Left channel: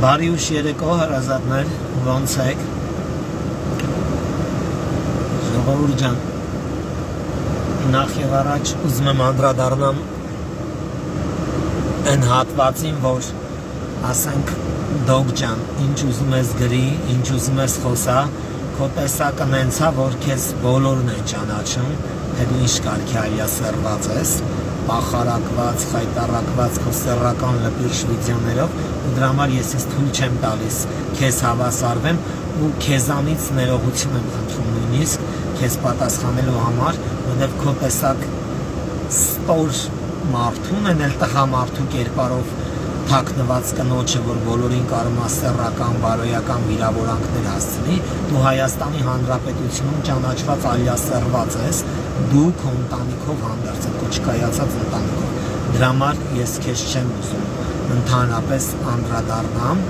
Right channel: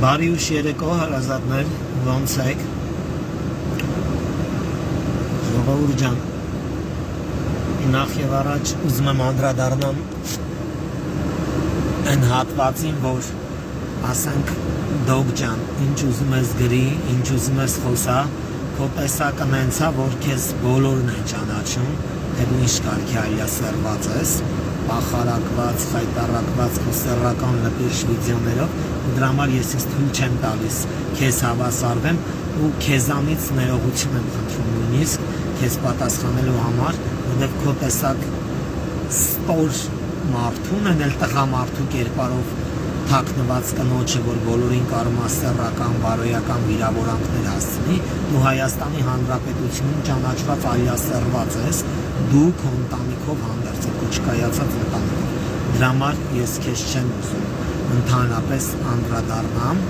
Բարի ուշ երեկո հարազատներ, ոնց եք, ժողովուրդ ջան, նախ եւ առաջ ուզում եմ անդրադառնամ այն հատվածին, որ ասենք դոգ ջան, ինչ ուզում ես գրի, ինչ ուզում ես խոսա, քո տեսակը նենց է, որ քեզ բոլորն են ճանաչում, թե դու ինչ կարգի այլասերված ես, պախարակված, խայտարակված քո սեռական լպիրշ վիդեոներով, դրա համար ես թույլ չեմ տալիս քեզ հավասարվեմ ու քեզանից ներողություն եմ խնդրում նույնիսկ քեզ պատասխանելու համար, որովհետև քո տեսակ ստոր մարդուն են էլ տղամարդու կերպարով թաքնված կնոջը, որ բոլորին կարող է սեռական, բարոյական վիրավորանքներ հասցնի, դու Հայաստանի Հանրապետությունում ճանաչված այլասերված ես, դու քո ընտանիքով հանդերձ քո չկայացած ընտանիքով, դրա համար ես քեզ չեմ ուզում ընդհանրապես անդրադառնամ,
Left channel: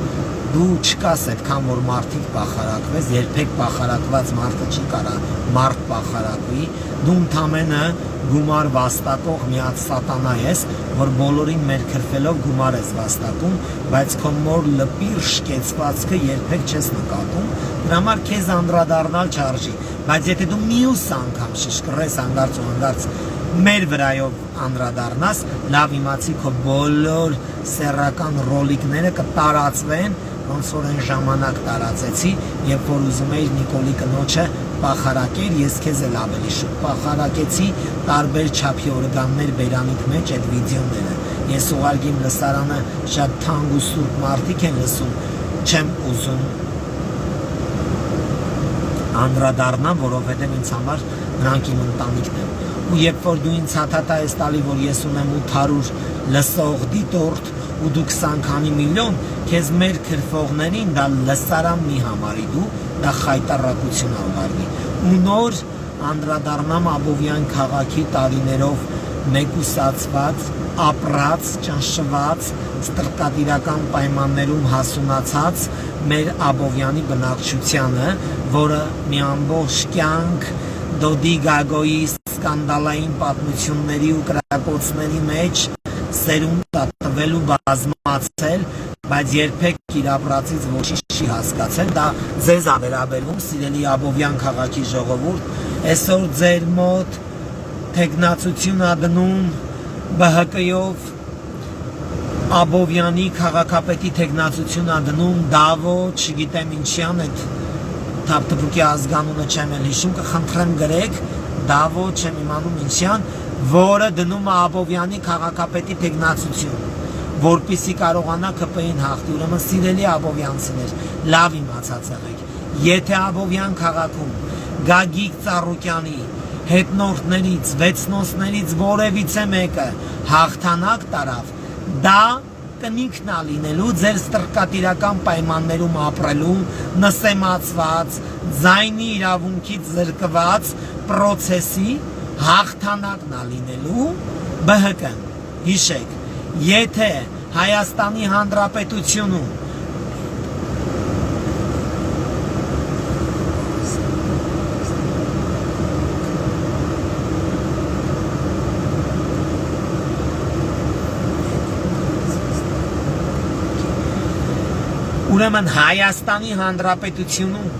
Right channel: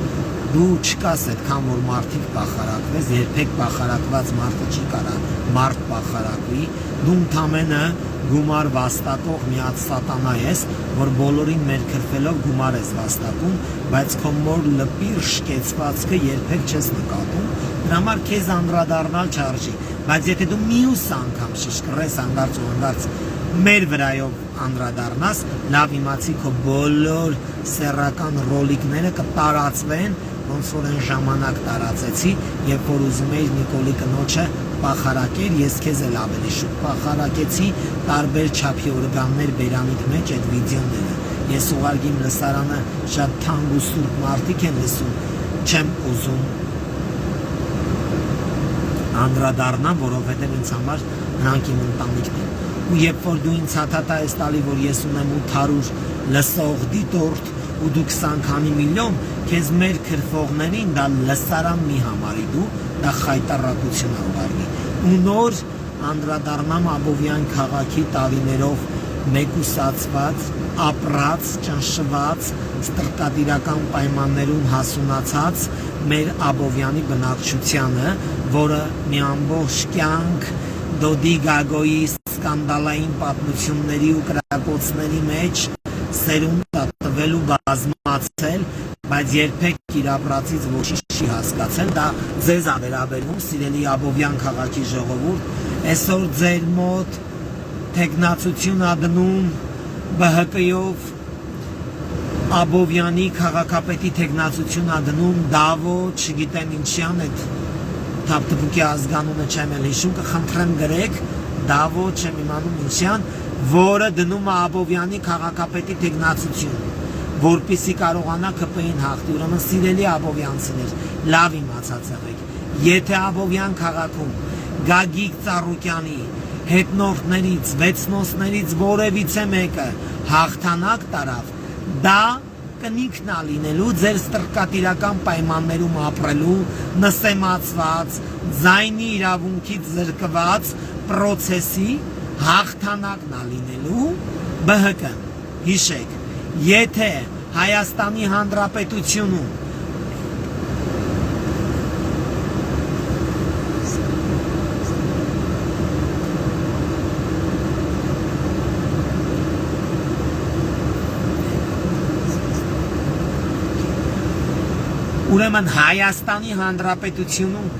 դու չկաս այդքան որ մարդիկ պախարակվես, երբեք պախարակված մարդը չի կարա մարդ պախարակվի, դու ընդամենը գումար վաստակող միած սատանա ես, որ բոլորին մերքրվելով գումար ես վաստակում, բայց քո մոր լպիր շկեցվածքը երբեք չես նկատում, դրա համար քեզ անդրադառնալ չարժի, բայց եթե դու մյուս անգամ շշկռես հանդարծ ու հանդարծ մեր վրայով անդրադառնաս, լավ իմացի քո բոլոր սեռական ռոլիկները կտարածվեն, ոնց որ այն ժամանակ տարածեցի, երբ որ ուզում էիր Նիկոլի կնոջը պախարակել, ես քեզ էլ ավելի շուտ պախարակեցի, տարբեր չափի օրգաններ բերանիք մեջ այդ վիդեոները, ես ուղարկի իմ լսարանը շատ թանկ ու սուրբ մարդիկ են լսում, չեմ ուզում անդրադառնամ, որովհետև ինձ համար նրանք իմ ընտանիքն են, ու երբ որ դու ինձ հաթաթա ես տալի, որ ես ունեմ 800 լսող դիտորդ ու դու 20 քանի միլիոն, քեզ մեր քրվողներին դա լսարան մի համարի դու, դա խայտարակություն անվարվի, ու նոր անդրադառնամ Աբովյան քաղաքի տարիներով մեկուսացված, ապրած, ճնշված, ստրկատիրական պայմաններում հասունացած մեր Աբովյանի բնակչությանը, որը մի ամբողջ կյանք Դոդի Գագոյի սկանդալային պատմությունների ու կրակոցների մեջ սերունդ տվելու բազմացել, բայց երբեք իր ապրածից ոչինչ չի հասկացել, դա ձեզ ա վերաբերում, սիրելի Աբովյան քաղաքի ժողովուրդ, այսօր ձեր մոտ թեկնածություն ա դնում ԲՀԿ-ով, Աբովյանի քաղաքապետի թեկնածություն ա դնում Դավո, չգիտեմ ինչյան այդ թափթփուկի ազգանունը չեմ էլ հիշում, կխնդրեմ գրեք, Դավո չեմ իմանում ինչյան, որը դնում է Աբովյանի քաղաքապետի թեկնածություն, որպեսզի կարողանա ԿՊ-ին հաղթի, ուրեմն սիրելի աբովյանցիներ, լավ իմացած եղեք, եթե Աբովյան քաղաքում Գագիկ Ծառուկյանի հետնորդներից, վեցնոսներից որևիցե մեկը հաղթանակ տարավ, դա կնիքն ա լինելու ձեր ստրկատիրական պայմաններում ապրելու, նսեմացված, ձայնի իրավունքից զրկված պրոցեսի հաղթանակն ա լինելու ԲՀԿ-ն, հիշեք, եթե Հայաստանի Հանրապետությունում ուրեմն Հայաստանի Հանրապետությունում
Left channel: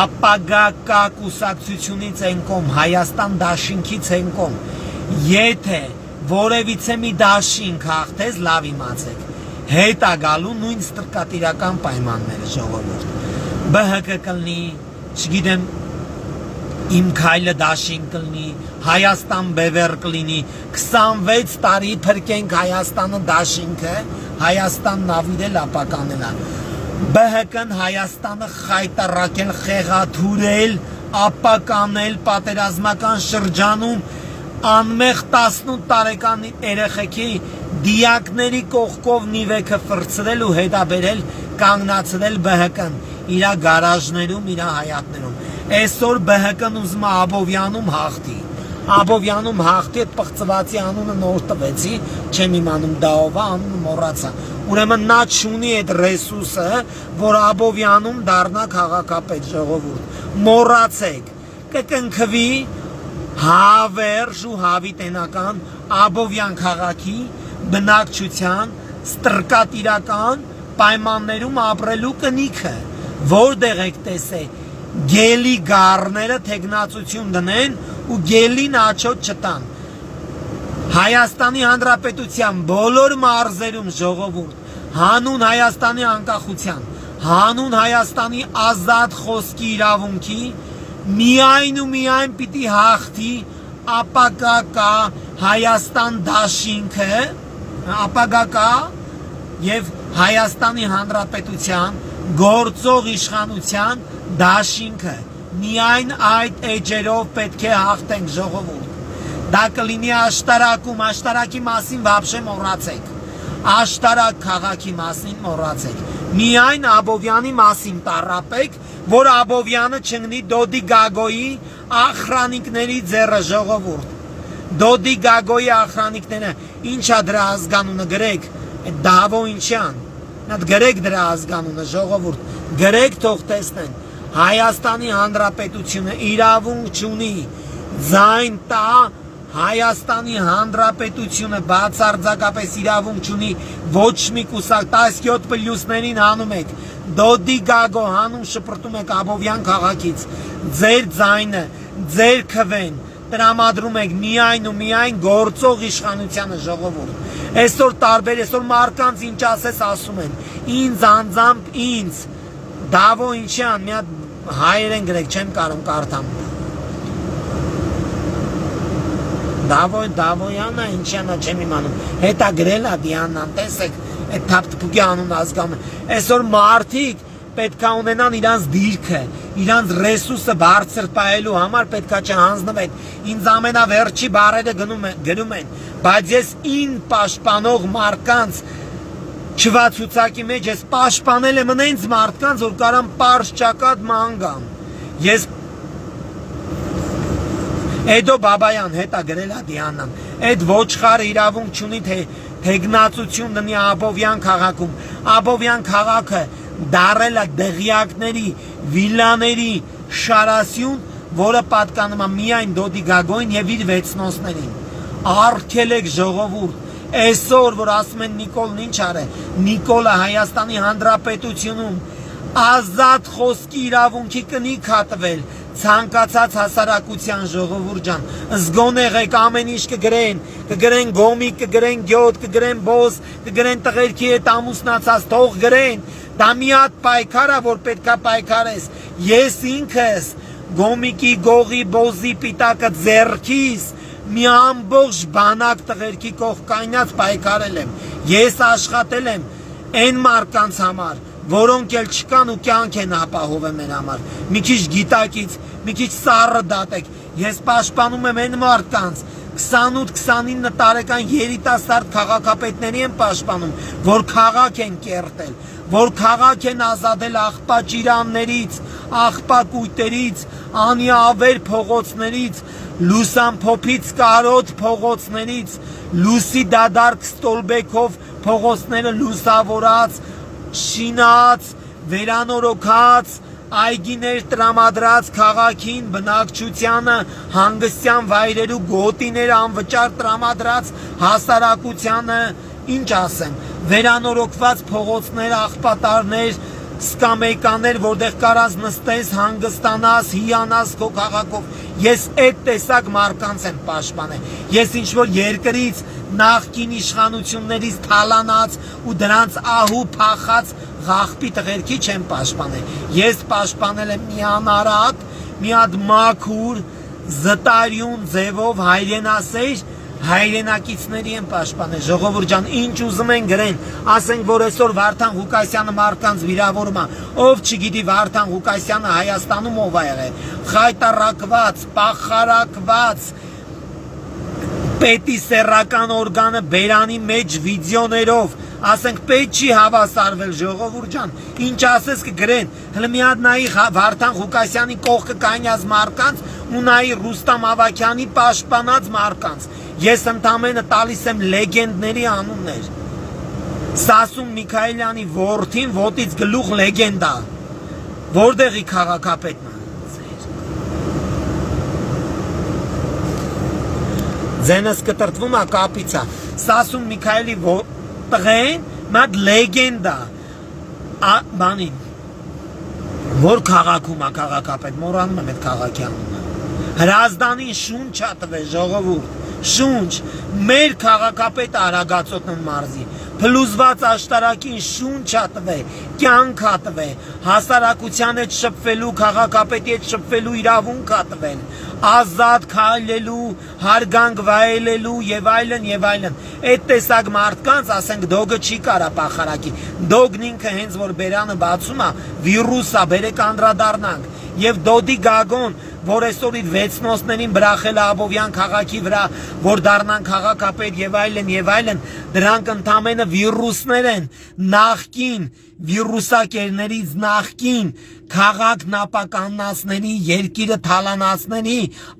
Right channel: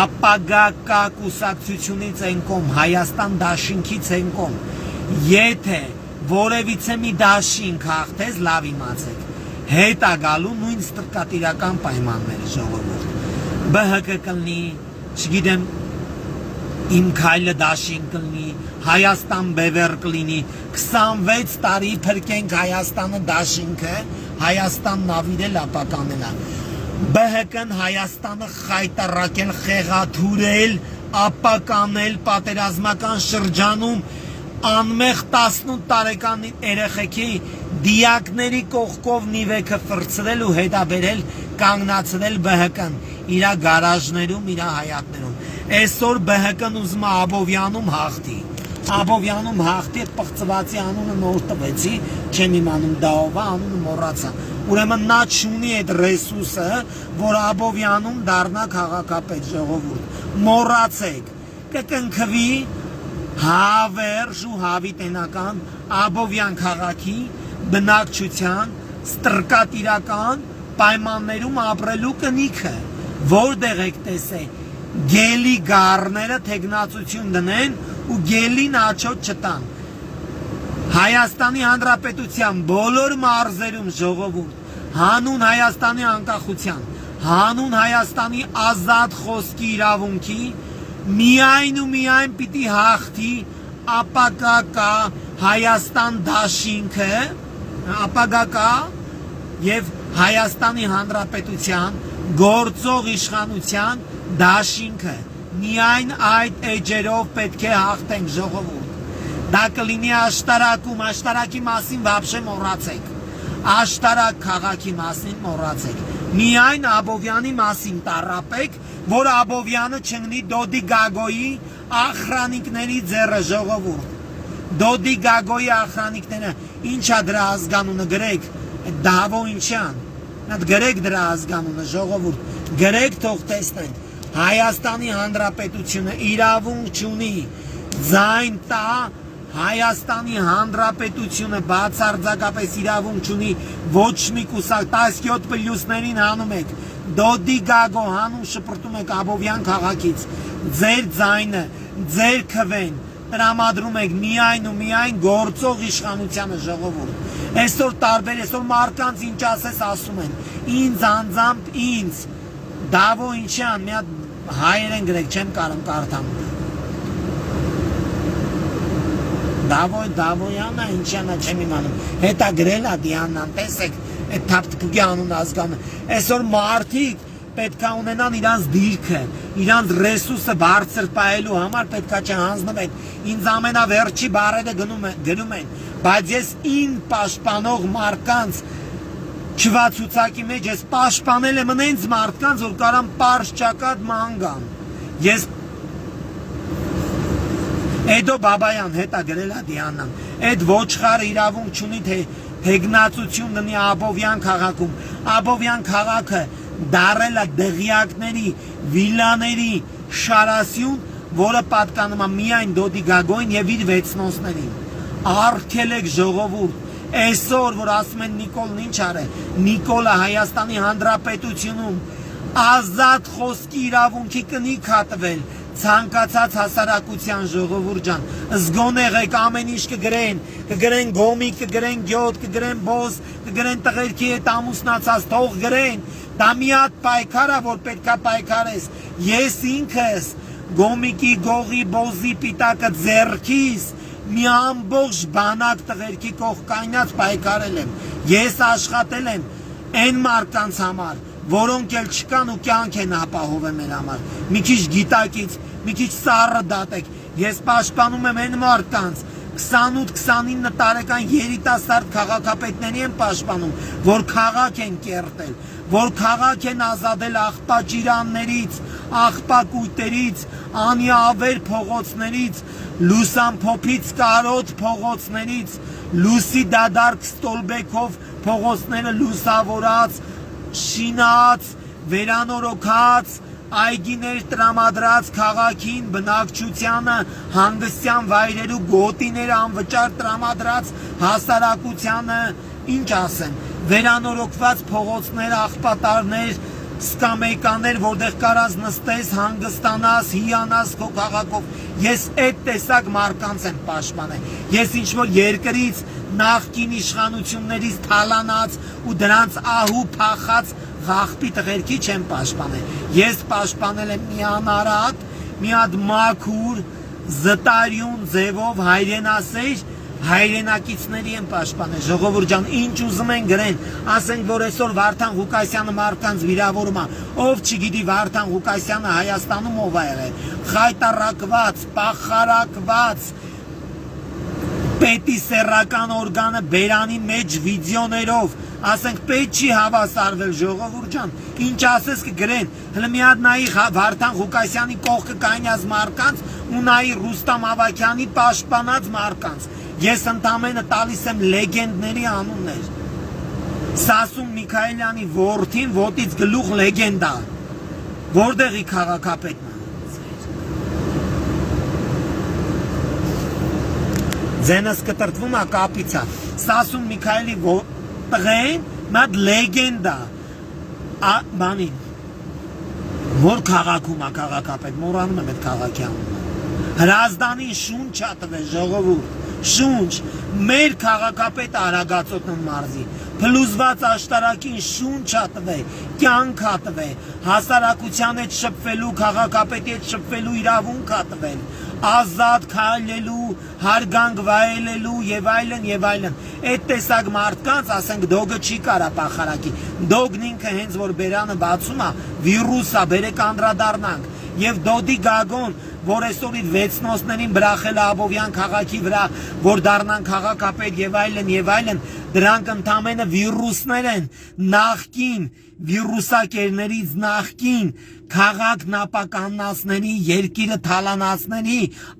ապագա կա կուսակցությունից են կողմ, Հայաստան դաշինքից են կողմ, եթե որևիցե մի դաշինք հաղթես, լավ իմացեք, հետ ա գալու նույն ստրկատիրական պայմանները ժողովուրդ, ԲՀԿ կլինի, չգիտեմ, իմ քայլը դաշինք կլինի, Հայաստան բևեռ կլինի, 26 տարի փրկենք Հայաստանը դաշինքը, Հայաստան նավիրել ապականնա, ԲՀԿ-ն Հայաստանը խայտարակել, խեղաթուրել, ապականել պատերազմական շրջանում անմեղ 18 տարեկան երեխեքի դիակների կողքով նիվեքը ֆրցրել ու հետաբերել կանգնացրել ԲՀԿ-ն իրա գարաժներում, իրա հայատներում, այսօր ԲՀԿ-ն ուզում է Աբովյանում հաղթի, Աբովյանում հաղթի, այդ պղծվածի անունը նոր տվեցի, չեմ իմանում դա ով է, անունը մոռացա, ուրեմն նա չունի այդ ռեսուրսը, որ Աբովյանում դառնա քաղաքապետ ժողովուրդ, մոռացեք, կկնքվի հավերժ ու հավիտենական Աբովյան քաղաքի բնակչության ստրկատիրական պայմաններում ապրելու կնիքը, որտեղ եք տեսել գելի գառները թեկնածություն դնեն ու գելին աչոտ չտան։ Հայաստանի Հանրապետության բոլոր մարզերում ժողովուրդ, հանուն Հայաստանի անկախության, հանուն Հայաստանի ազատ խոսքի իրավունքի, միայն ու միայն պիտի հաղթի ապագա կա Հայաստան դաշինքը, ապագա կա եւ Հայաստանի Հանրապետության գործող իշխանության դաշինքը, միայն այդ էջերով պետք է հաղթենք ժողովուրդ։ Դա կլինի աշտարակում, աշտարակի մասին վաբշե մոռացեք, աշտարակ քաղաքի մասին մոռացեք, միայն Աբովյանի մասին տառապեք, որ Աբովյանը չընկնի Դոդի Գագոյի ախրանիկների ձեռը ժողովուրդ։ Դոդի Գագոյի ախրանիկները, ինչա դրա ազգանունը գրեք, Դավո ինչյան, նա գրեք դրա ազգանունը ժողովուրդ, գրեք թող տեսնեն, Հայաստանի Հանրապետությունը իրավունք չունի ձայն տա, Հայաստանի Հանրապետությունը բացարձակապես իրավունք չունի ոչ մի կուսակ, 17 պլյուսներին հանում եք, Դոդի Գագո հանում շպրտում եք Աբովյան քաղաքից, ձեր ձայնը, ձեր քվեն տրամադրում եք միայն ու միայն գործող իշխանությանը ժողովուրդ։ Այսօր տարբեր, այսօր մարդկանց ինչ ասես ասում են, ինձ անձամբ ինձ, Դավո ինչյան, մի հատ հայերեն գրեք, չեմ կարող կարդամ։ Դավոյանը ինչյանը չեմ իմանում, հետա գրել է Դիանան, տեսեք, այդ թափթփուկի անուն ազգանը, այսօր մարդիկ պետքա ունենան իրանց դիրքը, իրանց ռեսուրսը բարձր պահելու համար պետքա չհանձնվեն, ինձ ամենավերջի բառերը գրում են, բայց ես ին պաշտպանող մարդկանց չվացուցակի մեջ ես պաշտպանել եմ ընենց մարդկանց, որ կարան պարզ ճակատ մանգան, ես Էդո Բաբայան հետա գրել է Դիանան, այդ ոչխարը իրավունք չունի թեկնածություն դնի Աբովյան քաղաքում, Աբովյան քաղաքը դարել է դղյակների, վիլաների շարասյուն, որը պատկանում է միայն Դոդի Գագոյին եւ իր վեցնոսներին։ Արգելեք ժողովուրդ, այսօր որ ասում են Նիկոլն ինչ արել, Նիկոլը Հայաստանի Հանրապետությունում ազատ խոսքի իրավունքի կնիք հատվել, ցանկացած հասարակության ժողովուրդ ջան, զգոն եղեք ամեն ինչ կգրեն գոմիկ, կգրեն գյոտ, կգրեն բոզ, կգրեն տղերքի հետ ամուսնացած, թող գրեն, դա մի հատ պայքար է, որ պետքա պայքարես, ես ինքս գոմիկի, գողի, բոզի, պիտակը ձեռքիս մի ամբողջ բանակ տղերքի կողքայնած պայքարել եմ, ես աշխատել եմ այն մարդկանց համար, որոնք էլ չկան ու կյանք են ապահովում մեր համար, մի քիչ գիտակից, մի քիչ սառը դատեք, ես պաշտպանում եմ այն մարդկանց, 28-29 տարեկան երիտասարդ քաղաքապետների եմ պաշտպանում, որ քաղաք են կերտել, որ քաղաք են ազատել աղբաճիրաններից, աղբակույտերից, անիավեր փողոցներից, լուսամփոփից կարոտ փողոցներից, լուսի դադարք ստոլբեքով փողոցները լուսավորած, շինած, վերանորոգած, այգիներ տրամադրած քաղաքին, բնակչությանը, հանգստյան վայրերու գոտիներ անվճար տրամադրած հասարակությանը, ինչ ասեմ, վերանորոգված փողոցներ, աղբատարներ, սկամեկաներ, որտեղ կարած նստես, հանգստանաս, հիանաս քո քաղաքով, ես այդ տեսակ մարդկանց եմ պաշտպանել, ես ինչ-որ երկրից նախկին իշխանություններից թալանած ու դրանց ահու փախած ղախտի տղերքի չեմ պաշտպանել, ես պաշտպանել եմ մի անարատ, մի հատ մաքուր, զտարյուն ձևով հայրենասեր հայրենակիցների են պաշտպանել, ժողովուրդ ջան, ինչ ուզում են գրեն, ասենք, որ այսօր Վարդան Ղուկասյանը մարդկանց վիրավորում է, ով չգիտի Վարդան Ղուկասյանը Հայաստանում ով է եղել, խայտարակված, պախարակված, պետի սեռական օրգանը բերանի մեջ վիդեոներով, ասենք, պետք չի հավասարվել, ժողովուրդ ջան, ինչ ասես կգրեն, հլը մի հատ նայի Վարդան Ղուկասյանի կողքը կայնած մարդկանց ու նայի Ռուստամ Ավագյանի պաշտպանած մարդկանց, ես ընդամենը տալիս եմ լեգենդների անուններ, Սասուն Միքայելյանի որդին ոտից գլուխ լեգենդա, որտեղի քաղաքապետն է, ձենս կտրտվում է կապից է, Սասուն Միքայելի տղեն մատ լեգենդա, բանին որ քաղաքում է քաղաքապետ մոռանում եմ այդ քաղաքի անունը Հրազդանին շունչ տվե ժողովուրդ շունչ մեր քաղաքապետը Արագածոտնն մարզի փլուզված աշտարակին շունչ տվե կյանք տվե հասարակության հետ շփվելու քաղաքապետի հետ շփվելու իրավունք տվել ազատ քայլելու հարգանք վայելելու եւ այլն այդ տեսակ մարդկանց ասենք դոգը չի կարա պախարակի դոգն ինքը հենց որ բերանը բացում է վիրուս է բերեք անդրադառնանք եւ դոդի գագոն որ այսօրից 6 նոսներին բրախել Աբովյան քաղաքի վրա որ դառնան քաղաքապետ եւ այլն դրանք ընդամենը վիրուսներ են նախքին վիրուսակերներից նախքին քաղաքն ապականացների երկիրը թալանացների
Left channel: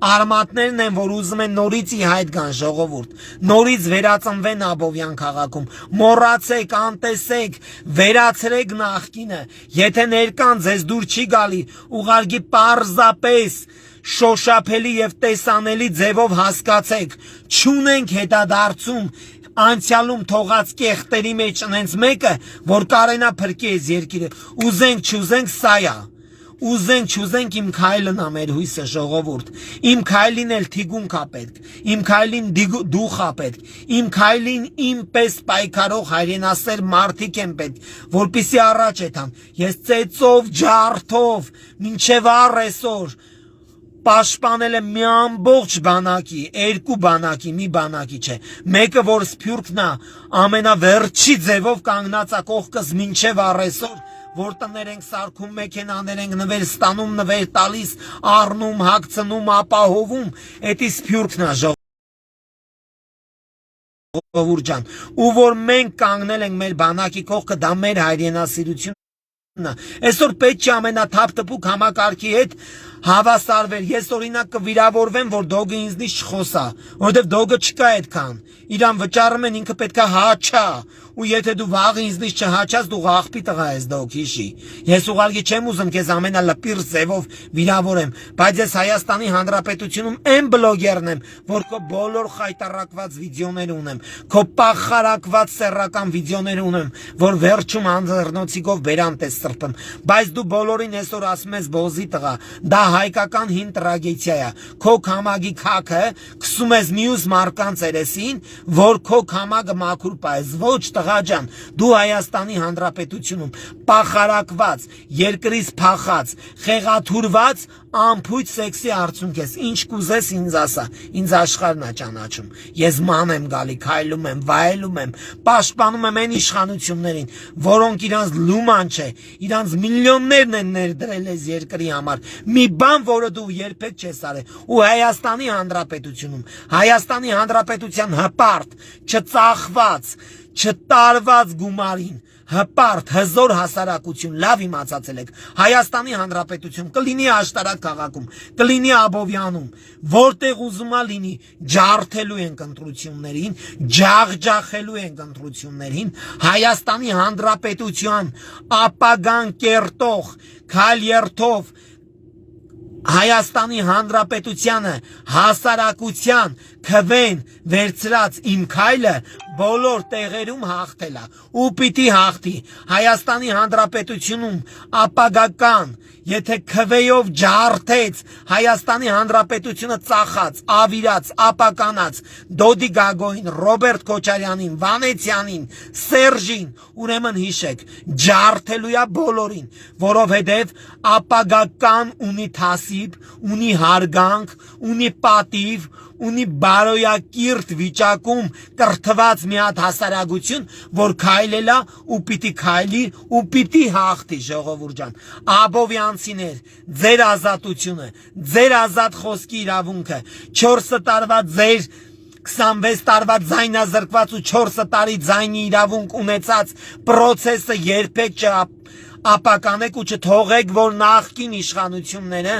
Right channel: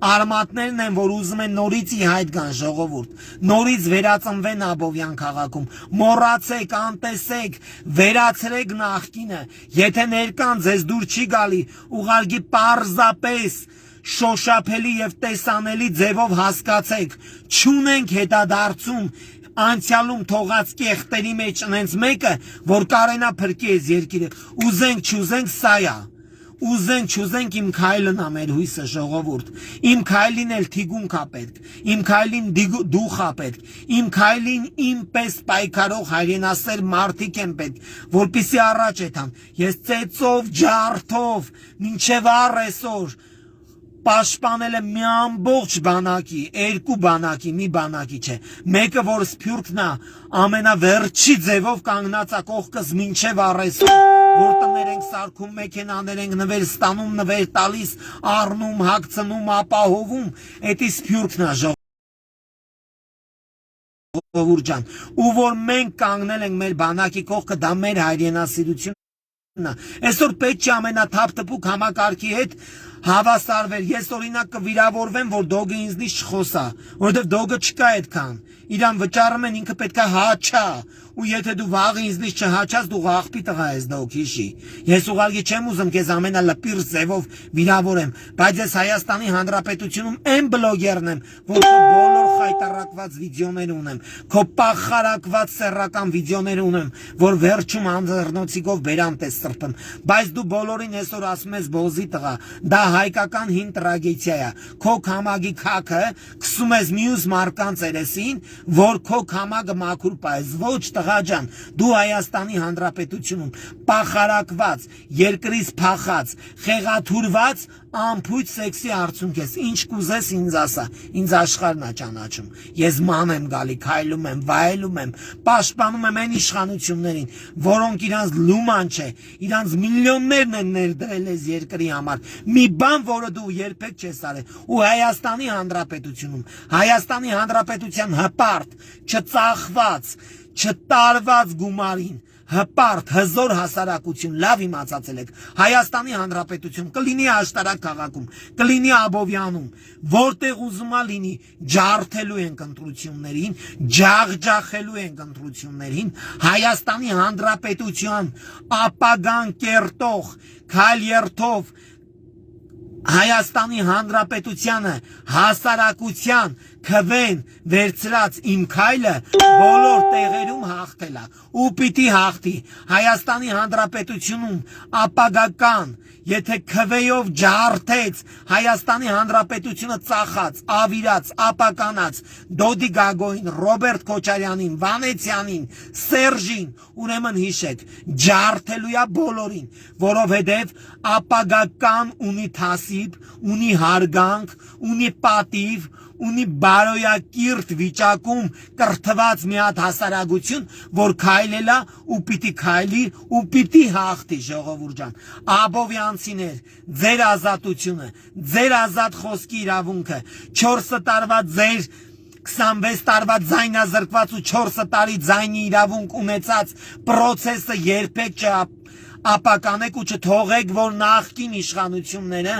արմատներն են որ ուզում են նորից ի հայտ գան ժողովուրդ նորից վերածնվեն Աբովյան քաղաքում մոռացեք անտեսեք վերացրեք նախքինը եթե ներկան ձեզ դուր չի գալի ուղարկի պարզապես շոշափելի եւ տեսանելի ձևով հասկացեք չունենք հետադարձում անցյալում թողած կեղտերի մեջ ունենց մեկը որ կարենա փրկի այս երկիրը ուզենք չուզենք սա է ուզենք չուզենք իմ քայլն է մեր հույսը ժողովուրդ իմ քայլին էլ թիգունք է պետք իմ քայլին դուխ է պետք իմ քայլին իմպես պայքարող հայրենասեր մարդիկ են պետք որպեսզի առաջ եթան ես ծեծով ջարդով մինչև առեսօր պաշտպանել է մի ամբողջ բանակի, երկու բանակի, մի բանակի չէ, մեկը որ սփյուռքն է, ամենավերջի ձևով կանգնած է կողքս մինչև առեսօր, որ տներ ենք սարքում, մեքենաներ ենք նվեր ստանում, նվեր տալիս, առնում, հագցնում, ապահովում, էդի սփյուռքն է ժողովուրդ ջան, ու որ մենք կանգնել ենք մեր բանակի կողքը, դա մեր հայրենասիրություն Այսօր պետք չէ ամենաթափ-թփուկ համակարգի հետ հավասարվել ես օրինակ կվիրավորվեմ որ դոգը ինձնից չխոսա որովհետև դոգը չկա այդքան իրան վճարում են ինքը պետքա հաչա ու եթե դու վաղը ինձնից չհաչաս դու աղբի տղա ես դոգ հիշի ես ուղղակի չեմ ուզում քեզ ամենալպիր ձևով վիրավորեմ բայց ես Հայաստանի Հանրապետությունում այն բլոգերն եմ որ քո բոլոր խայտարակված վիդեոներ ունեմ քո պախարակված սեռական վիդեոներ ունեմ որ վերջում անձեռնոցիկով բերանտ ես սրբում բայց դու բոլորին այսօր ասում ես բոզի տղա դա հայկական հին տրագեդիա է քո քամագի քաքը քսում ես մյուս մարկանց երեսին որ քո քամագը մաքուր պայես ոչ տղա ջան դու Հայաստանի Հանրապետությունում պախարակված երկրից փախած խեղաթուրված ամփույթ սեքսի արցունք ես ինչ կուզես ինձ ասա ինձ աշխարհն է ճանաչում ես ման եմ գալի քայլում եմ վայելում եմ պաշտպանում եմ այն իշխանություններին որոնք իրանց լուման չէ իրանց միլիոններն են ներդրել այս երկրի համար մի բան որը դու երբեք չես արել ու Հայաստանի Հանրապետության հպարտ չծախված չտարված գումարին հպարտ հզոր հասարակություն լավ իմացածել եք Հայաստանի Հանրապետություն կլինի աշտարակ քաղաքում կլինի Աբովյանում որտեղ ուզում է լինի ջարդելու են ընտրություններին ջախջախելու են ընտրություններին Հայաստանի Հանրապետության ապագան կերտող քայլերթով Հայաստանի Հանրապետությանը հասարակության քվեն վերցրած իմ քայլը բոլոր տեղերում հաղթել է ու պիտի հաղթի Հայաստանի Հանրապետությունում ապագական եթե քվեով ջարդեց Հայաստանի Հանրապետությունը ծախած ավիրած ապականած Դոդի Գագոին Ռոբերտ Քոչարյանին Վանեցյանին Սերժին ուրեմն հիշեք ջարդելու է բոլորին որովհետև ապագական ունի թասիբ ունի հարգանք ունի պատիվ ունի բարոյակիրթ վիճակում կրթված մի հատ հասարակություն, որ քայլելա ու պիտի քայլի ու պիտի հաղթի ժողովուրդ ջան։ Աբովյանցիներ, ձեր ազատությունը, ձեր ազատ խոսքի իրավունքը, 4 տարվա ձեր 26 տարվա ձայնազրկված ու 4 տարի ձայնի իրավունք ունեցած պրոցեսը երբեք չապականեք ու չթողեք, որ նախկին իշխանությունները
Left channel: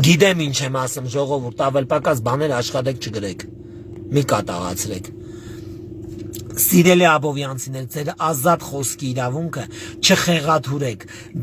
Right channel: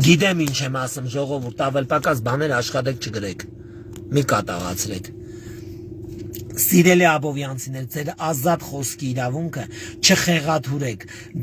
Գիտեմ ինչ եմ ասում ժողովուրդ, ավել պակաս բաներ աշխատեք չգրեք, մի կատաղացրեք։ Սիրելի աբովյանցիներ, ձեր ազատ խոսքի իրավունքը չխեղաթուրեք,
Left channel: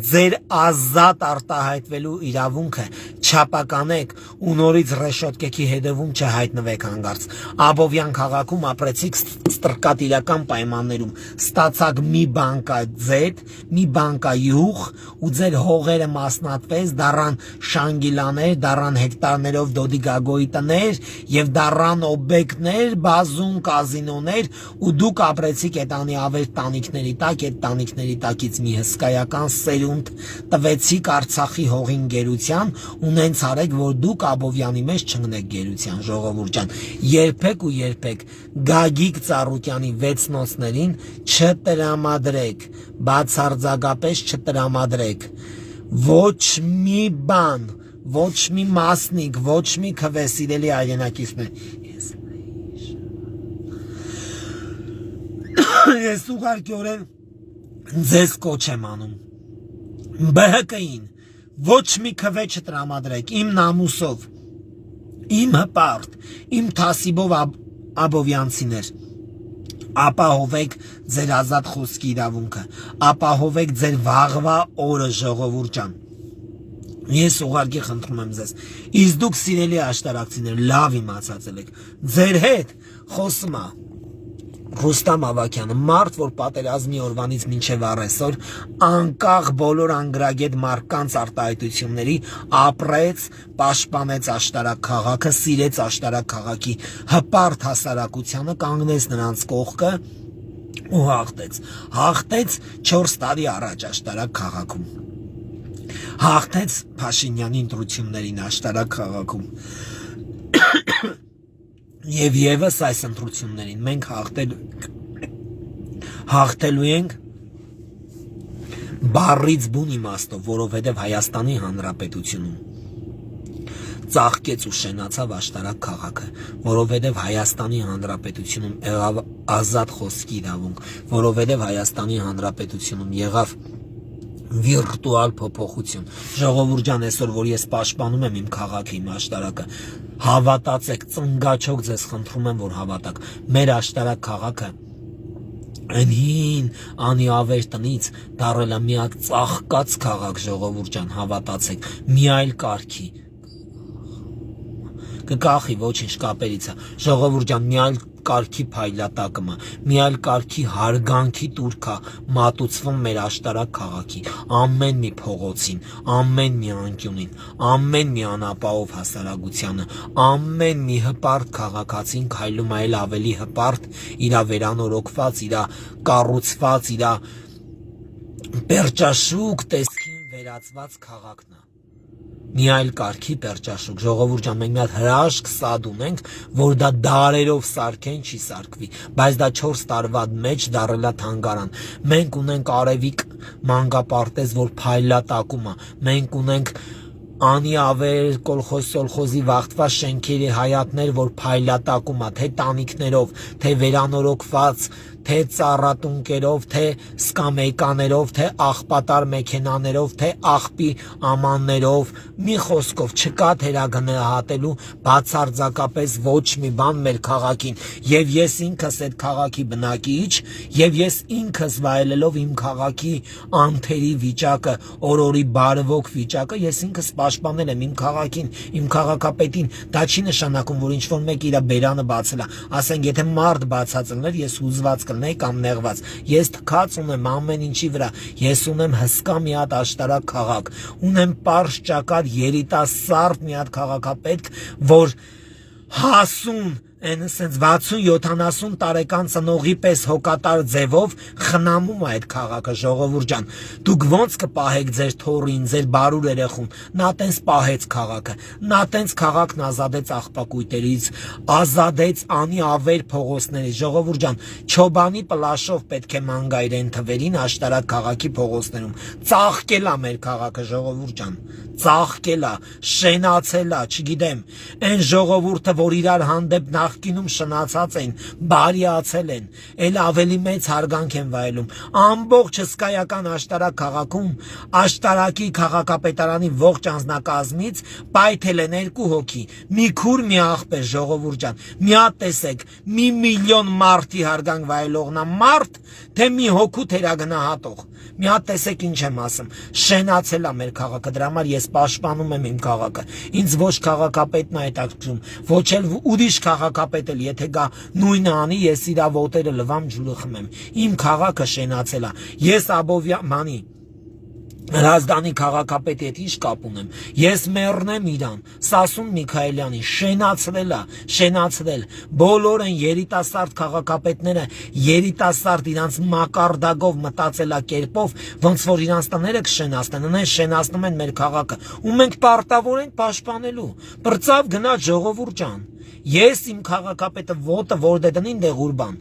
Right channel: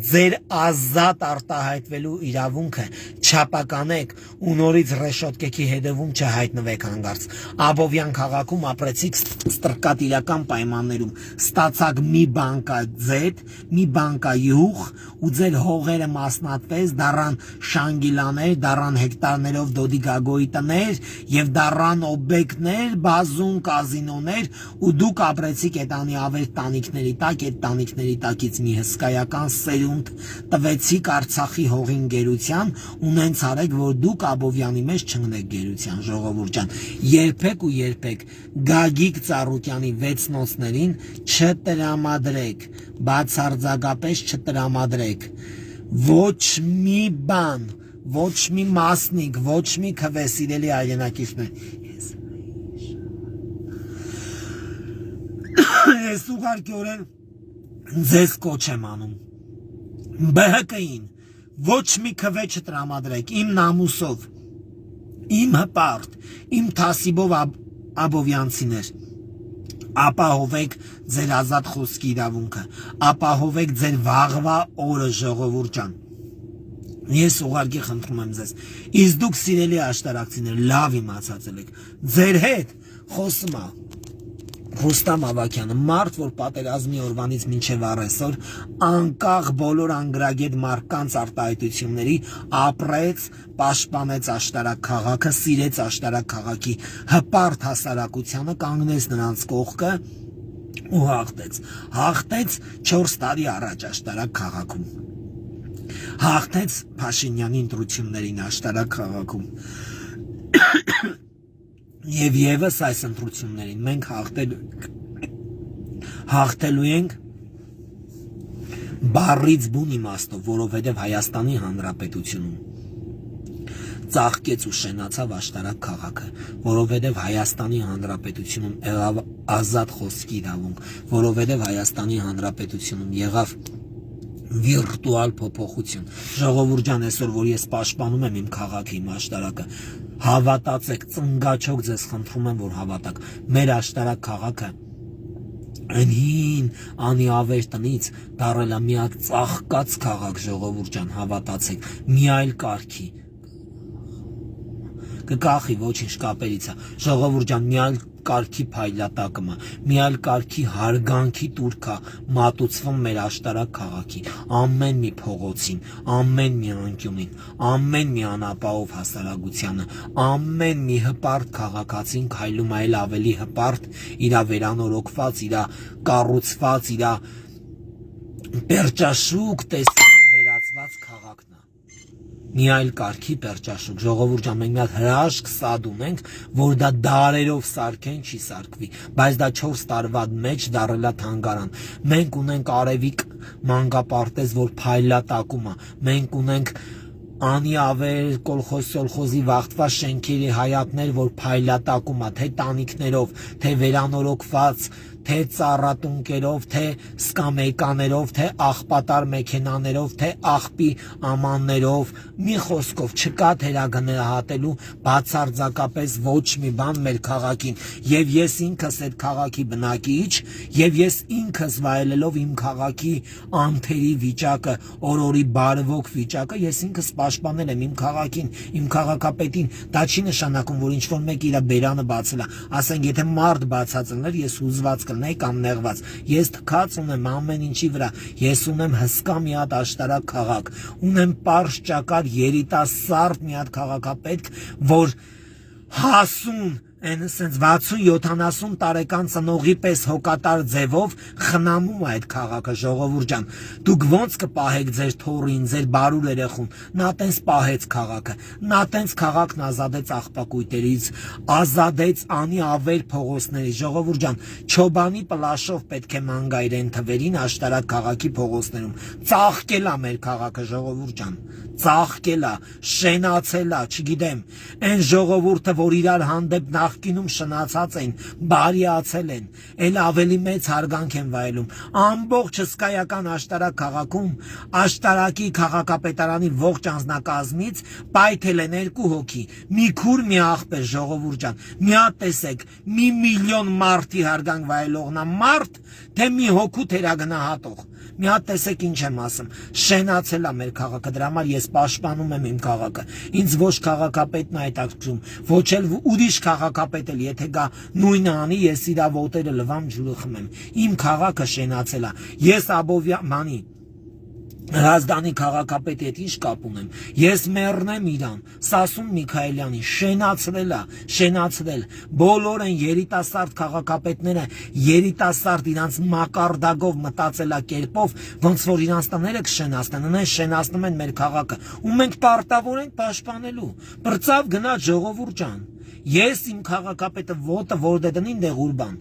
ձեր ազատ արտահայտվելու իրավունքը չապականեք ու նորից ռեշոտկեքի հետևում չհայտնվեք հանգարց։ Աբովյան քաղաքում ապրեցիք ստրկատիրական պայմաններում, ստացաք մի բանկա ձետ, մի բանկա յուղ ու ձեր հողերը մասնատվեց, դառան շանգիլաներ, դառան հեկտարներով դոդի գագոյի տներ եւ դառան օբյեկտներ, բազում կազինոներ ու դուք ապրեցիք այդ անիավեր տանիքների տակ, այդ տանիքների տակից մի հսկայական սերունդ տվեցիք Արցախի հողին գերության ու նենց արեք, որ դուք Աբովյանի մեջ չընկնեք գերության, ժողովուրդ ջան, երբեք ու երբեք Գագիկ Ծառուկյանի 6 նոցներին չտրամադրեք, բացարձակապես չտրամադրեք ոչ մի բան, ոչ մի մասնիկ, ոչ մի քվե, սիրելի հայրենակիցներ։ Ես ուղղակիորեն ձեզ կոչ եմ անում ԲՀԿ-ին ոչ մի քվե չտրամադրեք իմ նամուսով, իմ հպարտ, իմ թասիբով աբովյանցիներ, ապահովեք ձեր ազատ խոսքի իրավունքը, ապահովեք ձեր վաղվա օրը, ժողովուրդ ջան։ Ես ուղղակի խնդրում եմ ձեզ, իսկ դուք սիրելի աշտարակցիներ, լավ իմացածել եք, ձեր հետ խոսում է Ռուստամ Ավագյանը, մարդ, որ պատերազմի օրվանից մինչև առեսօր անկախ բոլոր անգրագետ մարդկանց արտահայտությունների ապրեց, պաշտպանեց աշտարակ քաղաքը, սիրեց աշտարակ քաղաքի հպարտ հասարակությանը, կանգնեց նրանց կողքը ու հաղթեց 4 տարի առաջ աշտարակ քաղաքում, հաղթեց Փաշինյանի ընտրություններին աշտարակ քաղաքում Եվ ևս այս ընտրություններին մենք հաղթելու ենք բառից բուն իմաստով, որովհետև Հայաստանի Հանրապետությունում ծաղկեց ու շենացավ աշտարակ քաղաքը, որովհետև Հայաստանի Հանրապետությունում եղավ ազատ խոսքի իրավունք, որովհետև Հայաստանի Հանրապետությունում եղավ վիրտուալ փոփոխություն։ Ժողովուրդ ջան, այսօր որ ես պաշտպանում եմ իմ քաղաքը, իմ աշտարակը, հավատացեք, ծնգաչոք ձեզ խնդրում եմ, որ հավատաք, մեր աշտարակ քաղաքը այն հին անիավեր տնից դառել է մի հատ ծաղկած քաղաք, ժողովուրդ ջան, հավատացեք, մի այլ կարգի կկախի, ոչինչ կապերից է, ժողովուրդ ջան, մի այլ կարգի փայլատակը, մի այլ կարգի հարգանքի տուրքա մատուցվում մեր աշտարակ քաղաքի, ամեն մի փողոցին, ամեն մի անկյունին, ամեն մի անապահով հասարակությանը, ամեն մի հպարտ քաղաքացին քայլում այլ ավելի հպարտ, իրա վերանորոգված, իրա կառուցված, իրա պերճաշուկ տեսքին վերածված քաղաքն է։ Մի այլ կարգի պերճաշուկ, ժողովուրդ ջան, մենք մի հատ հրաշք սադ ունենք, որ դա դարերով սարքեն, չի սարքվի, բայց դա 4 տարվա մեջ դառել է թանգարան։ Մենք ունենք Արևիկ մանկապարտեզ, որ փայլատակում է, մենք ունենք անիավեր կոլխոզի վաղտված շենքերի հայատներ, որ փայլատակում է, թե տանիքներով, թե վերանորոգված, թե ծառատունկերով, թե սկամեկաներով, թե աղբատար մեքենաներով, թե աղբի ամաններով, մի խոսքով չկա թերագնահատելու բացարձակապես ոչ մի բան մեր քաղաքին, եւ ես ինքս այդ քաղաքի բնակիչ, եւ ես ինքս վայելելով իմ քաղաքի անթերի վիճակը, օրորի բարվոք վիճակը, ես ինքս պաշտպանել եմ իմ քաղաքին, իմ քաղաքապետին, դա չի նշանակում, որ ինչ-որ մեկ իր բերանը բացել է, ասենք եթե մարդ բացած լիներ, ես հուզված կլինեի կամ նեղված, ես թքած ունեմ ամեն ինչի վրա, ես ունեմ հսկա մի հատ աշտարակ քաղաք, ունեմ պարզ ճակատ երիտասարդ մի հատ քաղաքապետք, որ հասուն այն ասենց 60-70 տարեկան ծնողի պես հոգատար ձևով խնամում է այդ քաղաքը, ժողովուրդ ջան, դուք ոնց կպահեք ձեր թորին, ձեր բարուր երեխուն, նա տենց պահեց քաղաքը, նա տենց քաղաքն ազատեց աղբակույտերից, ազատեց անիավեր փողոցներից, ժողովուրդ ջան, Չոբանի պլաշով պետք է մանգայրեն թվերին աշտարակ քաղաքի փողոցներում, ծաղկել է մեր քաղաքը, ժողովուրդ ջան, ծաղկելա, շենացելա, չգիտեմ, այն ժողովուրդը, որ իրար հանդեպ նախկինում շնացած են, բարիացել են, էլ ավելի մեծ հարգանք են վայելում։ Ամբողջ հսկայական աշտարակ քաղաքում, աշտարակի քաղաքապետարանի ողջ անձնակազմից պայթել են 2 հոգի, մի քուր, մի աղբեր, ժողովուրդ ջան, մի հատ տեսեք, մի միլիոն մարդի հարգանք վայելողնա մարդ, թե մի հոգու թերագնահատող։ Մի հատ տեսեք ինչ եմ ասում, շենացել է մեր քաղաքը, դրա համար ես պաշտպանում եմ իմ քաղաքը։ Ինձ ոչ քաղաքապետն է հետաքրքրում, ոչ էլ ուրիշ քաղաքապետ էլ, եթե գա նույնը անի, ես իրա ոտերը լվամ, ջուրը խմեմ։ Իմ քաղաքը շենացել է։ Ես Աբովյանի Հրազդանի քաղաքապետի հետ ինչ կապ ունեմ։ Ես մեռնեմ իրան, Սասուն Միքայելյանի շենացրել։ Բոլոր են երիտասարդ քաղաքապետները, երիտասարդ իրանց մակարդակով մտածելակերպով, ոնց որ իրանց տները կշենացնեն, շենացնում են մեր քաղաքը, ու մենք պարտավոր ենք պաշտպանելու։ Բրծավ գնաց ժողովուրդ ջան։ Ես իմ քաղաքապետը ոտը որ դե դնին դե Ղուրբան։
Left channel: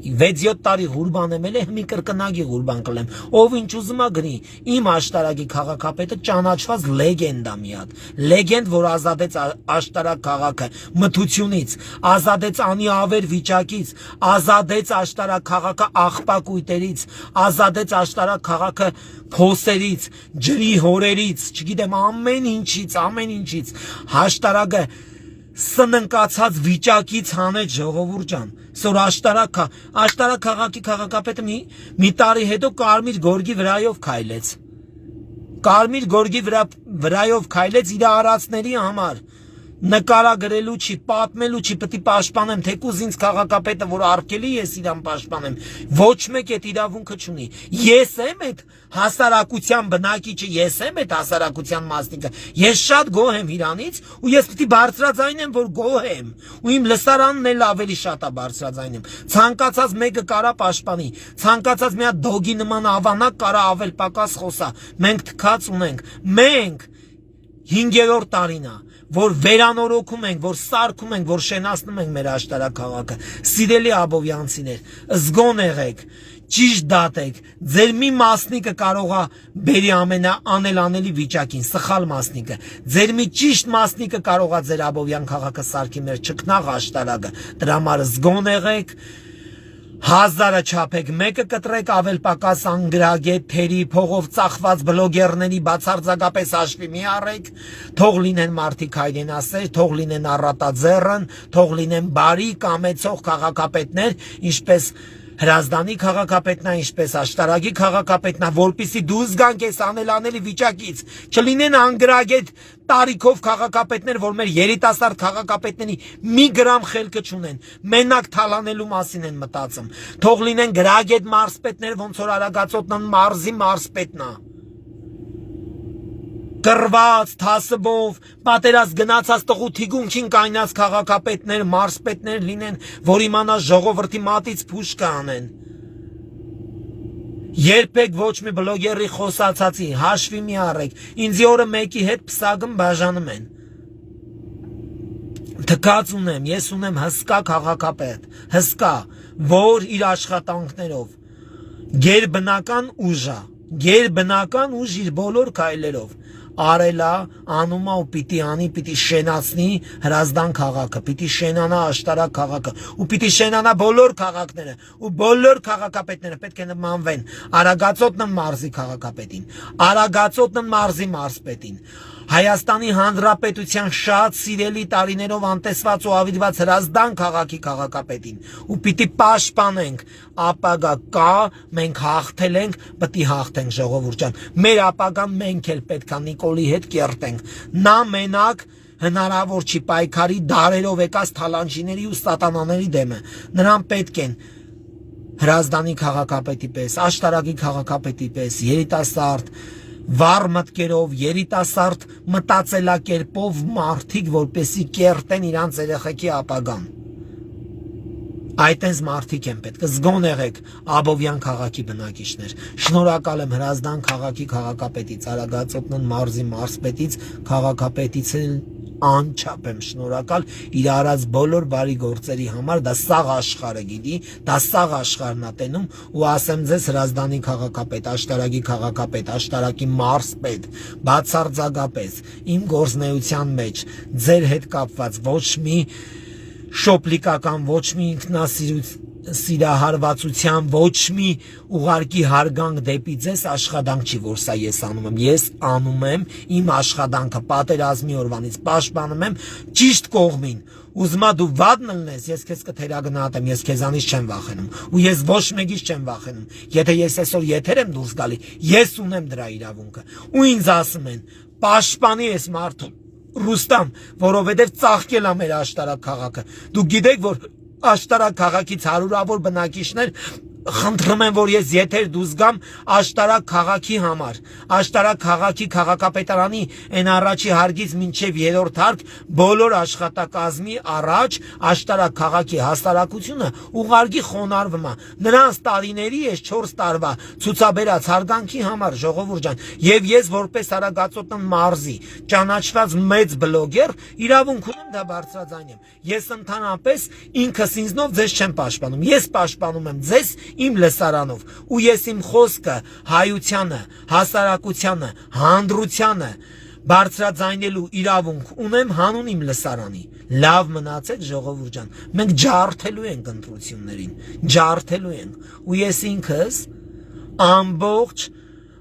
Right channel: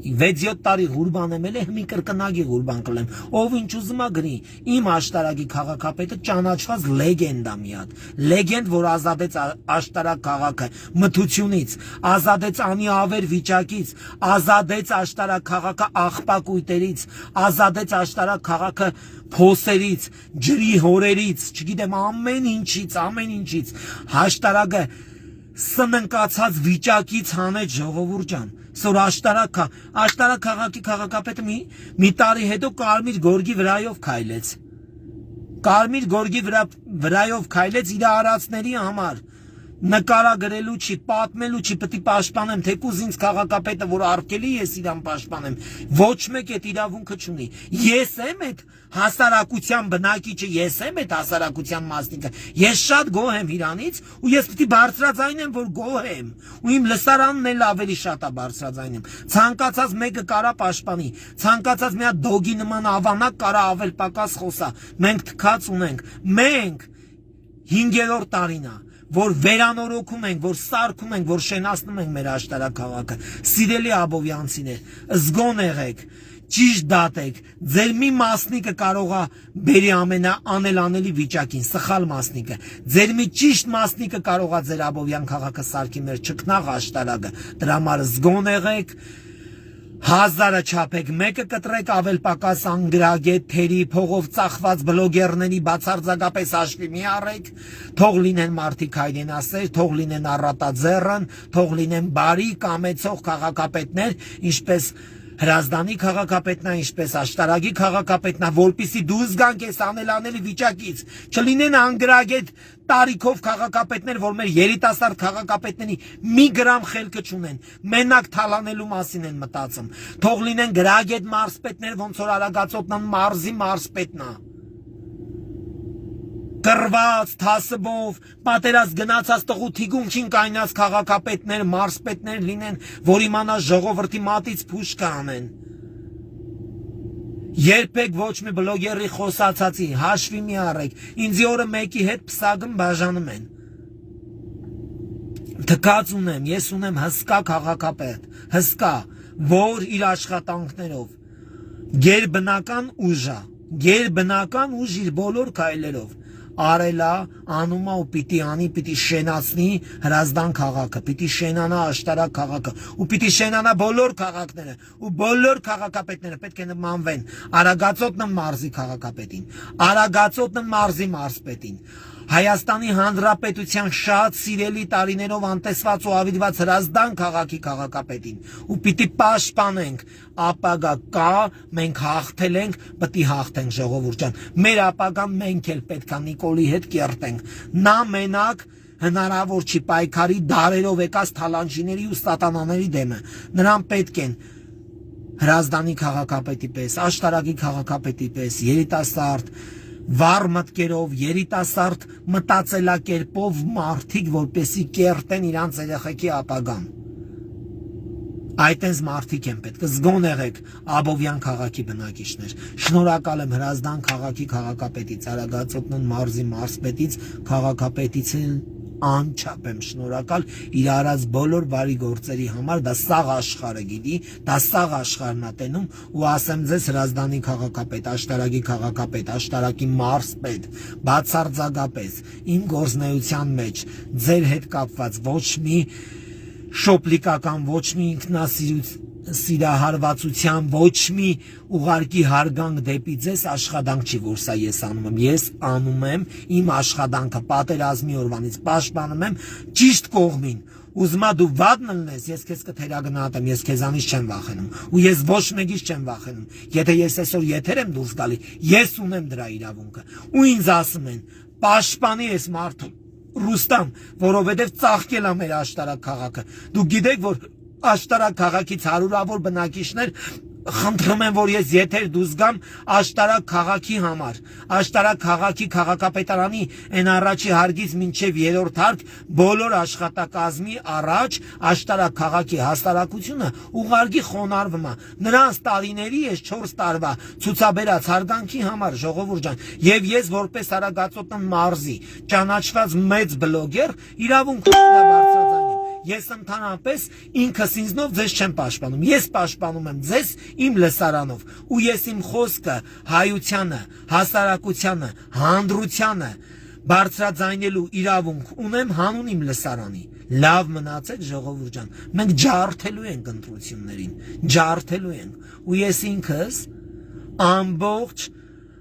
6-7 տարի Ղուրբան եմ ելել, մի կրկնակի Ղուրբան կլեմ, ով ինչ ուզում է գրի, իմ աշտարակի քաղաքապետը ճանաչված լեգենդ է մի հատ, լեգենդ, որ ազատեց աշտարակ քաղաքը մթությունից, ազատեց անիավեր վիճակից, ազատեց աշտարակ քաղաքը աղբակույտերից, ազատեց աշտարակ քաղաքը փոսերից, ջրի հորերից, չգիտեմ ամեն ինչից, աշտարակը սննկացած վիճակից հանեց ժողովուրդ ջան։ Սոր աշտարակ քաղաքի քաղաքապետը մի տարի հետո Կարմիր գորգի վրայով քայլեց։ Կարմիր գորգի վրայով քայլեց իր արածների համար։ Նկարագրելու չի, պատմելու չի, պետք է պաշտպանեմ, թեկուզ ինձ քաղաքապետը, որ արգելի ես իրան պաշտպանեմ, ոչ մեկ այդ իրավունքը չունի։ Ես եմ այդ հասարակության բնակիչը, ես եմ այդ հասարակության մասնիկը։ Ես շատ գոհ եմ իրանից, ու ես պետք է բարձրաձայնեմ, որ գոհ եմ, ու իմ լսարանն էլ ավելի շատ է բարձրաձայնում։ Ցանկացած մեկը կարա պաշտպանի, ցանկացած մի հատ դոգի նման ավանակ կարա ավել պակաս խոսա։ Մենք թքած ունենք, մենք 5-րդ տարին է, որ վերանորոգում ենք, որ սարքում ենք, որ շենացնում ենք մեր աշտարակ քաղաքը։ Սիրելի աբովյանցիներ, զգոն եղեք, ճիշտ դատեք, ձեր մի մասնիկը կարող է բերի ամենաանելանելի վիճակին, սխալ մասնիկը, ձեր մի ճիշտ մասնիկը կարող է ձեր աբովյան քաղաքը սարքի մեր չքնաղ աշտարակը, դրա համար զգոն եղեք, 1000-ը չափեք, մեկը կտրեք ավել պակաս անգրագետ, թերի, փողով ծախված բլոգերների բացարձակապես հաշվի մի առեք, թող լինեն մարդիկ հայրենասեր, թող լինեն առատաձեռն, թող լինեն բարի, կամեցող քաղաքապետներ, ինչպես Հրազդանի քաղաքապետնա, ինչպես աշտարակի քաղաքապետնա, որպեսզի դուրս գանք այս անելանելի վիճակից, չլինեն անգրագետ տարիքով քաղաքապետներ, որ մեր երիտասարդ քաղաքապետների մի գրամ խելքը չունեն, մենակ թալանելու մասին են մտածում, թող լինեն գրագետ մարզպետներ, ոնց որ Արագածոտնան մարզի մարզպետնա, կռված, թասբով, պատերազմ գնացած տղու թիգունքին կայնած քաղաքապետներ, մարզպետներ լինեն, որ իմանա ժողովրդի մատից փուշ կանեն։ Երբեք ոչ մի բլոգերի խոսացածի հաշվի մի առեք, ինձ օրը մեկի հետ պսակում բաժանում են։ Թքած ունեմ, ես ունեմ հսկա քաղաքապետ, հսկա, որ իր աշխատանքներով գերբնական ուժ իր բոլոր քայլերով արելա, անումա ու պիտի անի, պիտի շենացնի Հրազդան քաղաքը, պիտի շենանա աշտարակ քաղաքը, ու պիտի շենանա բոլոր քաղաքները, ու բոլոր քաղաքապետները պետք է նմանվեն Արագածոտնն մարզի քաղաքապետին, Արագածոտնն մարզի մարզպետին, Հայաստանի Հանրապետության շատ սիրելի տարիներով անտեսված ու ավիրված Հրազդան քաղաքի քաղաքապետին, ու պիտի պաշտպանենք, ապագա կա, մենք հաղթել ենք, պետք է հաղթենք ժողովուրդ ջան, մեր ապագան մենք էլ պետք է Նիկոլի հետ կերտենք, նա մենակ հնարավոր չի պայքարի դարերով եկած թալանչիների ու սատանաների դեմը, նրան պետք են Հրազդանի քաղաքապետի պես, աշտարակի քաղաքապետի պես, երիտասարդ վառ մտքերով, երիտասարդ մտածելակերպով մարդիկ, որպեսի կերտեն իրանց երեխեքի ապագան։ Այդտենց մարդիկ են պետք, զգոն եղեք Աբովյան քաղաքի բնակիչներ։ Շնորհակալ եմ Հրազդան քաղաքի քաղաքապետից, Արագածոտնն մարզի մարզպետից, քաղաքապետից անչափ եմ շնորհակալ իր արած բոլոր բարի գործերի համար, դա սաղ աշխարհը գիտի, դա սաղ աշխարհն է տենում ու ասեմ ձեզ Հրազդանի քաղաքապետ, Աշտարակի քաղաքապետ, Աշտարակի մարզպետ, բացարձակապես իմ գործնեության մեջ ձեր հետ կապված ոչ մի շոպլիկական, ոչ մի ինքնասիրահարվածության, ոչ մի ուղարկի հարգանք դեպի ձեզ աշխատանք չի, որ սա ես անում եմ։ Ես անում եմ իմ աշխատանքը պատերազմի օրվանից, պաշտպանում եմ ճիշտ կողմին։ Ուզում ես դու վատն լնես, ես քեզ կթերագնահատեմ, ես քեզանից չեմ վախենում, ու ես ոչ մեկից չեմ վախենում։ Եթե ես այսօր եթեր եմ դուրս գալի, ես ունեմ դրա իրավունքը։ Ու ինձ ասում են, պաշտպանի ես մարդուն Ռուստամ, որովհետև ծաղկել է մեր Աշտարակ քաղաքը։ Դուք գիտեք, որ Աշտարակ քաղաքից հարյուրավոր բնակիչներ խնդրում են, որ ես եթեր դուրս գամ Աշտարակ քաղաքի համար, Աշտարակ քաղաքի քաղաքապետարանի այն առաջի հարգից մինչև երրորդ հարկ բոլոր աշխատակազմի առաջ Աշտարակ քաղաքի հասարակությունը ուղարկի խոնարհվում է։ Նրանց տարիների ես 4 տարվա ցուցաբերած հարգանքի համար, ժողովուրդ ջան, եւ ես որպես Արագածոտնի մարզի ճանաչված մեծ բլոգեր իրավունք ունեմ դա բարձրաձայնեմ։ Ես ընդհանրապես ինքս ինձնով ձեզ չեմ պաշտպանում, ես պաշտպանում եմ ձեզ իմ լսարանով, ու ես իմ խոսքը հայությանը, հասարակությանը, հանրությանը բարձրաձայնելու իրավունք ունեմ հանուն իմ լսարանի։ Լավ մնացեք ժողովուրդ ջան, մենք ջարդելու ենք ընտրություններին, ջարդելու ենք, ու ես ինքս ամբողջ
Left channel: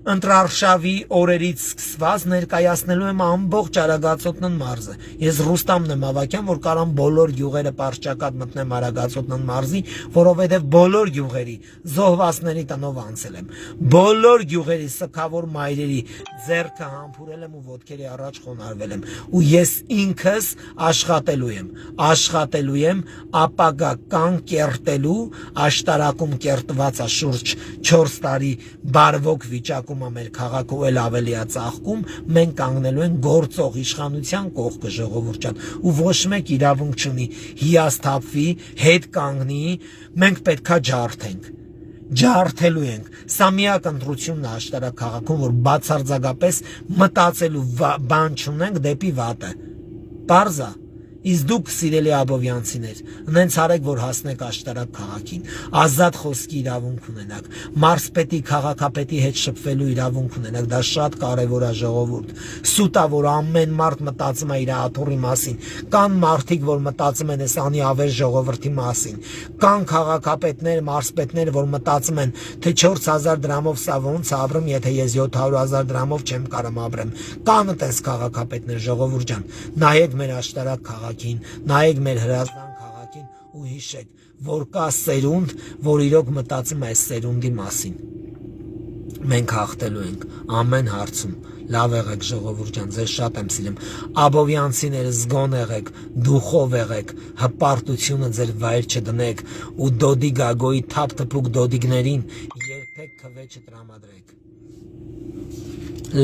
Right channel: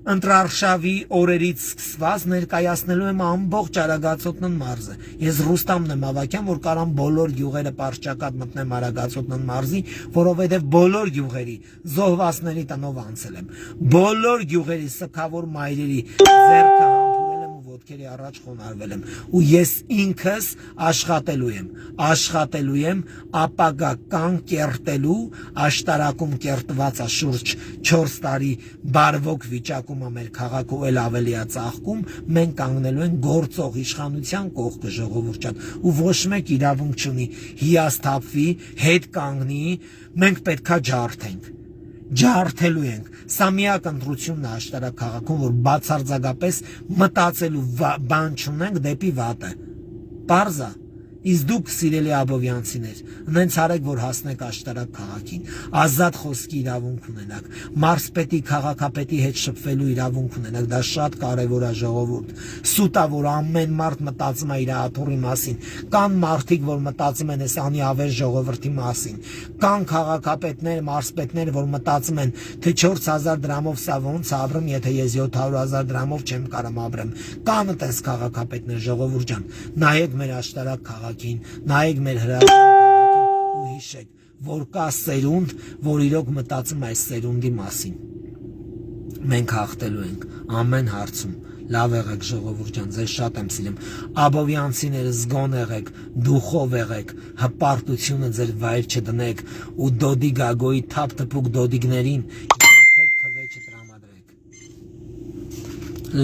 ընտրարշավի օրերից սկսված ներկայացնելու եմ ամբողջ Արագածոտնի մարզը։ Ես Ռուստամն եմ Ավակյան, որ կարամ բոլոր գյուղերը պարճակատ մտնեմ Արագածոտնի մարզի, որովհետև բոլոր գյուղերի զոհվածների տնով անցել եմ։ Բոլոր գյուղերի սքավոր մայրերի ձեռքը համբուրել եմ ու ոտքերի առաջ խոնարհվել եմ։ Ու ես ինքս աշխատելու եմ ապագա կան կերտելու Աշտարակում կերտված է շուրջ 4 տարի բարվոք վիճակում է մեր քաղաքը ու էլ ավելի է ծաղկում, մենք կանգնելու ենք գործող իշխանության կողքը ժողովուրդ ջան, ու ոչ մեկ իրավունք չունի հիասթափվի, հետ կանգնի, մենք պետքա ջարդենք։ Ջարդելու ենք։ Սա միակ ընտրությունն է Աշտարակ քաղաքում, որ բացարձակապես մտածելու բան չունենք դեպի վատը։ Պարզ է։ Իսկ դուք սիրելի աբովյանցիներ, նենց արեք, որ հասնեք Աշտարակ քաղաքին, ազատ խոսքի իրավունք ունենաք, մարզպետի, քաղաքապետի հետ շփվելու իրավունք ունենաք, դա շատ կարևոր է ժողովուրդ։ Սուտ է, որ ամեն մարդ մտածում է իր աթոռի մասին, կան մարդիկ, որ մտածում են այս անիավեր ժողովրդի մասին, կան քաղաքապետներ, մարզպետներ, որ մտածում են, թե 4000 դրամով սա ոնց ապրեմ, եթե ես 700,000 դրամով չեմ կարող ապրեմ։ Կան այդպես քաղաքապետներ, ժողովուրդ ջան, նայեք մեր Աշտարակ քաղաքին, նայեք մեր Հրազդան քաղաքին ու հիշեք, որ կա սերունդ, որ իրոք մտածում է այս սերունդի մասին։ Մենք հաղթելու ենք ամեն հարցում։ Լավ եղեք ժողովուրդ ջան, ձեզ շատ եմ սիրում։ Աբովյանցիները զգոն եղեք, դուխով եղեք, հպարտությունը ձեր վայր չդնեք ու Դոդի Գագոյի թափ թփուկ դոդիգներին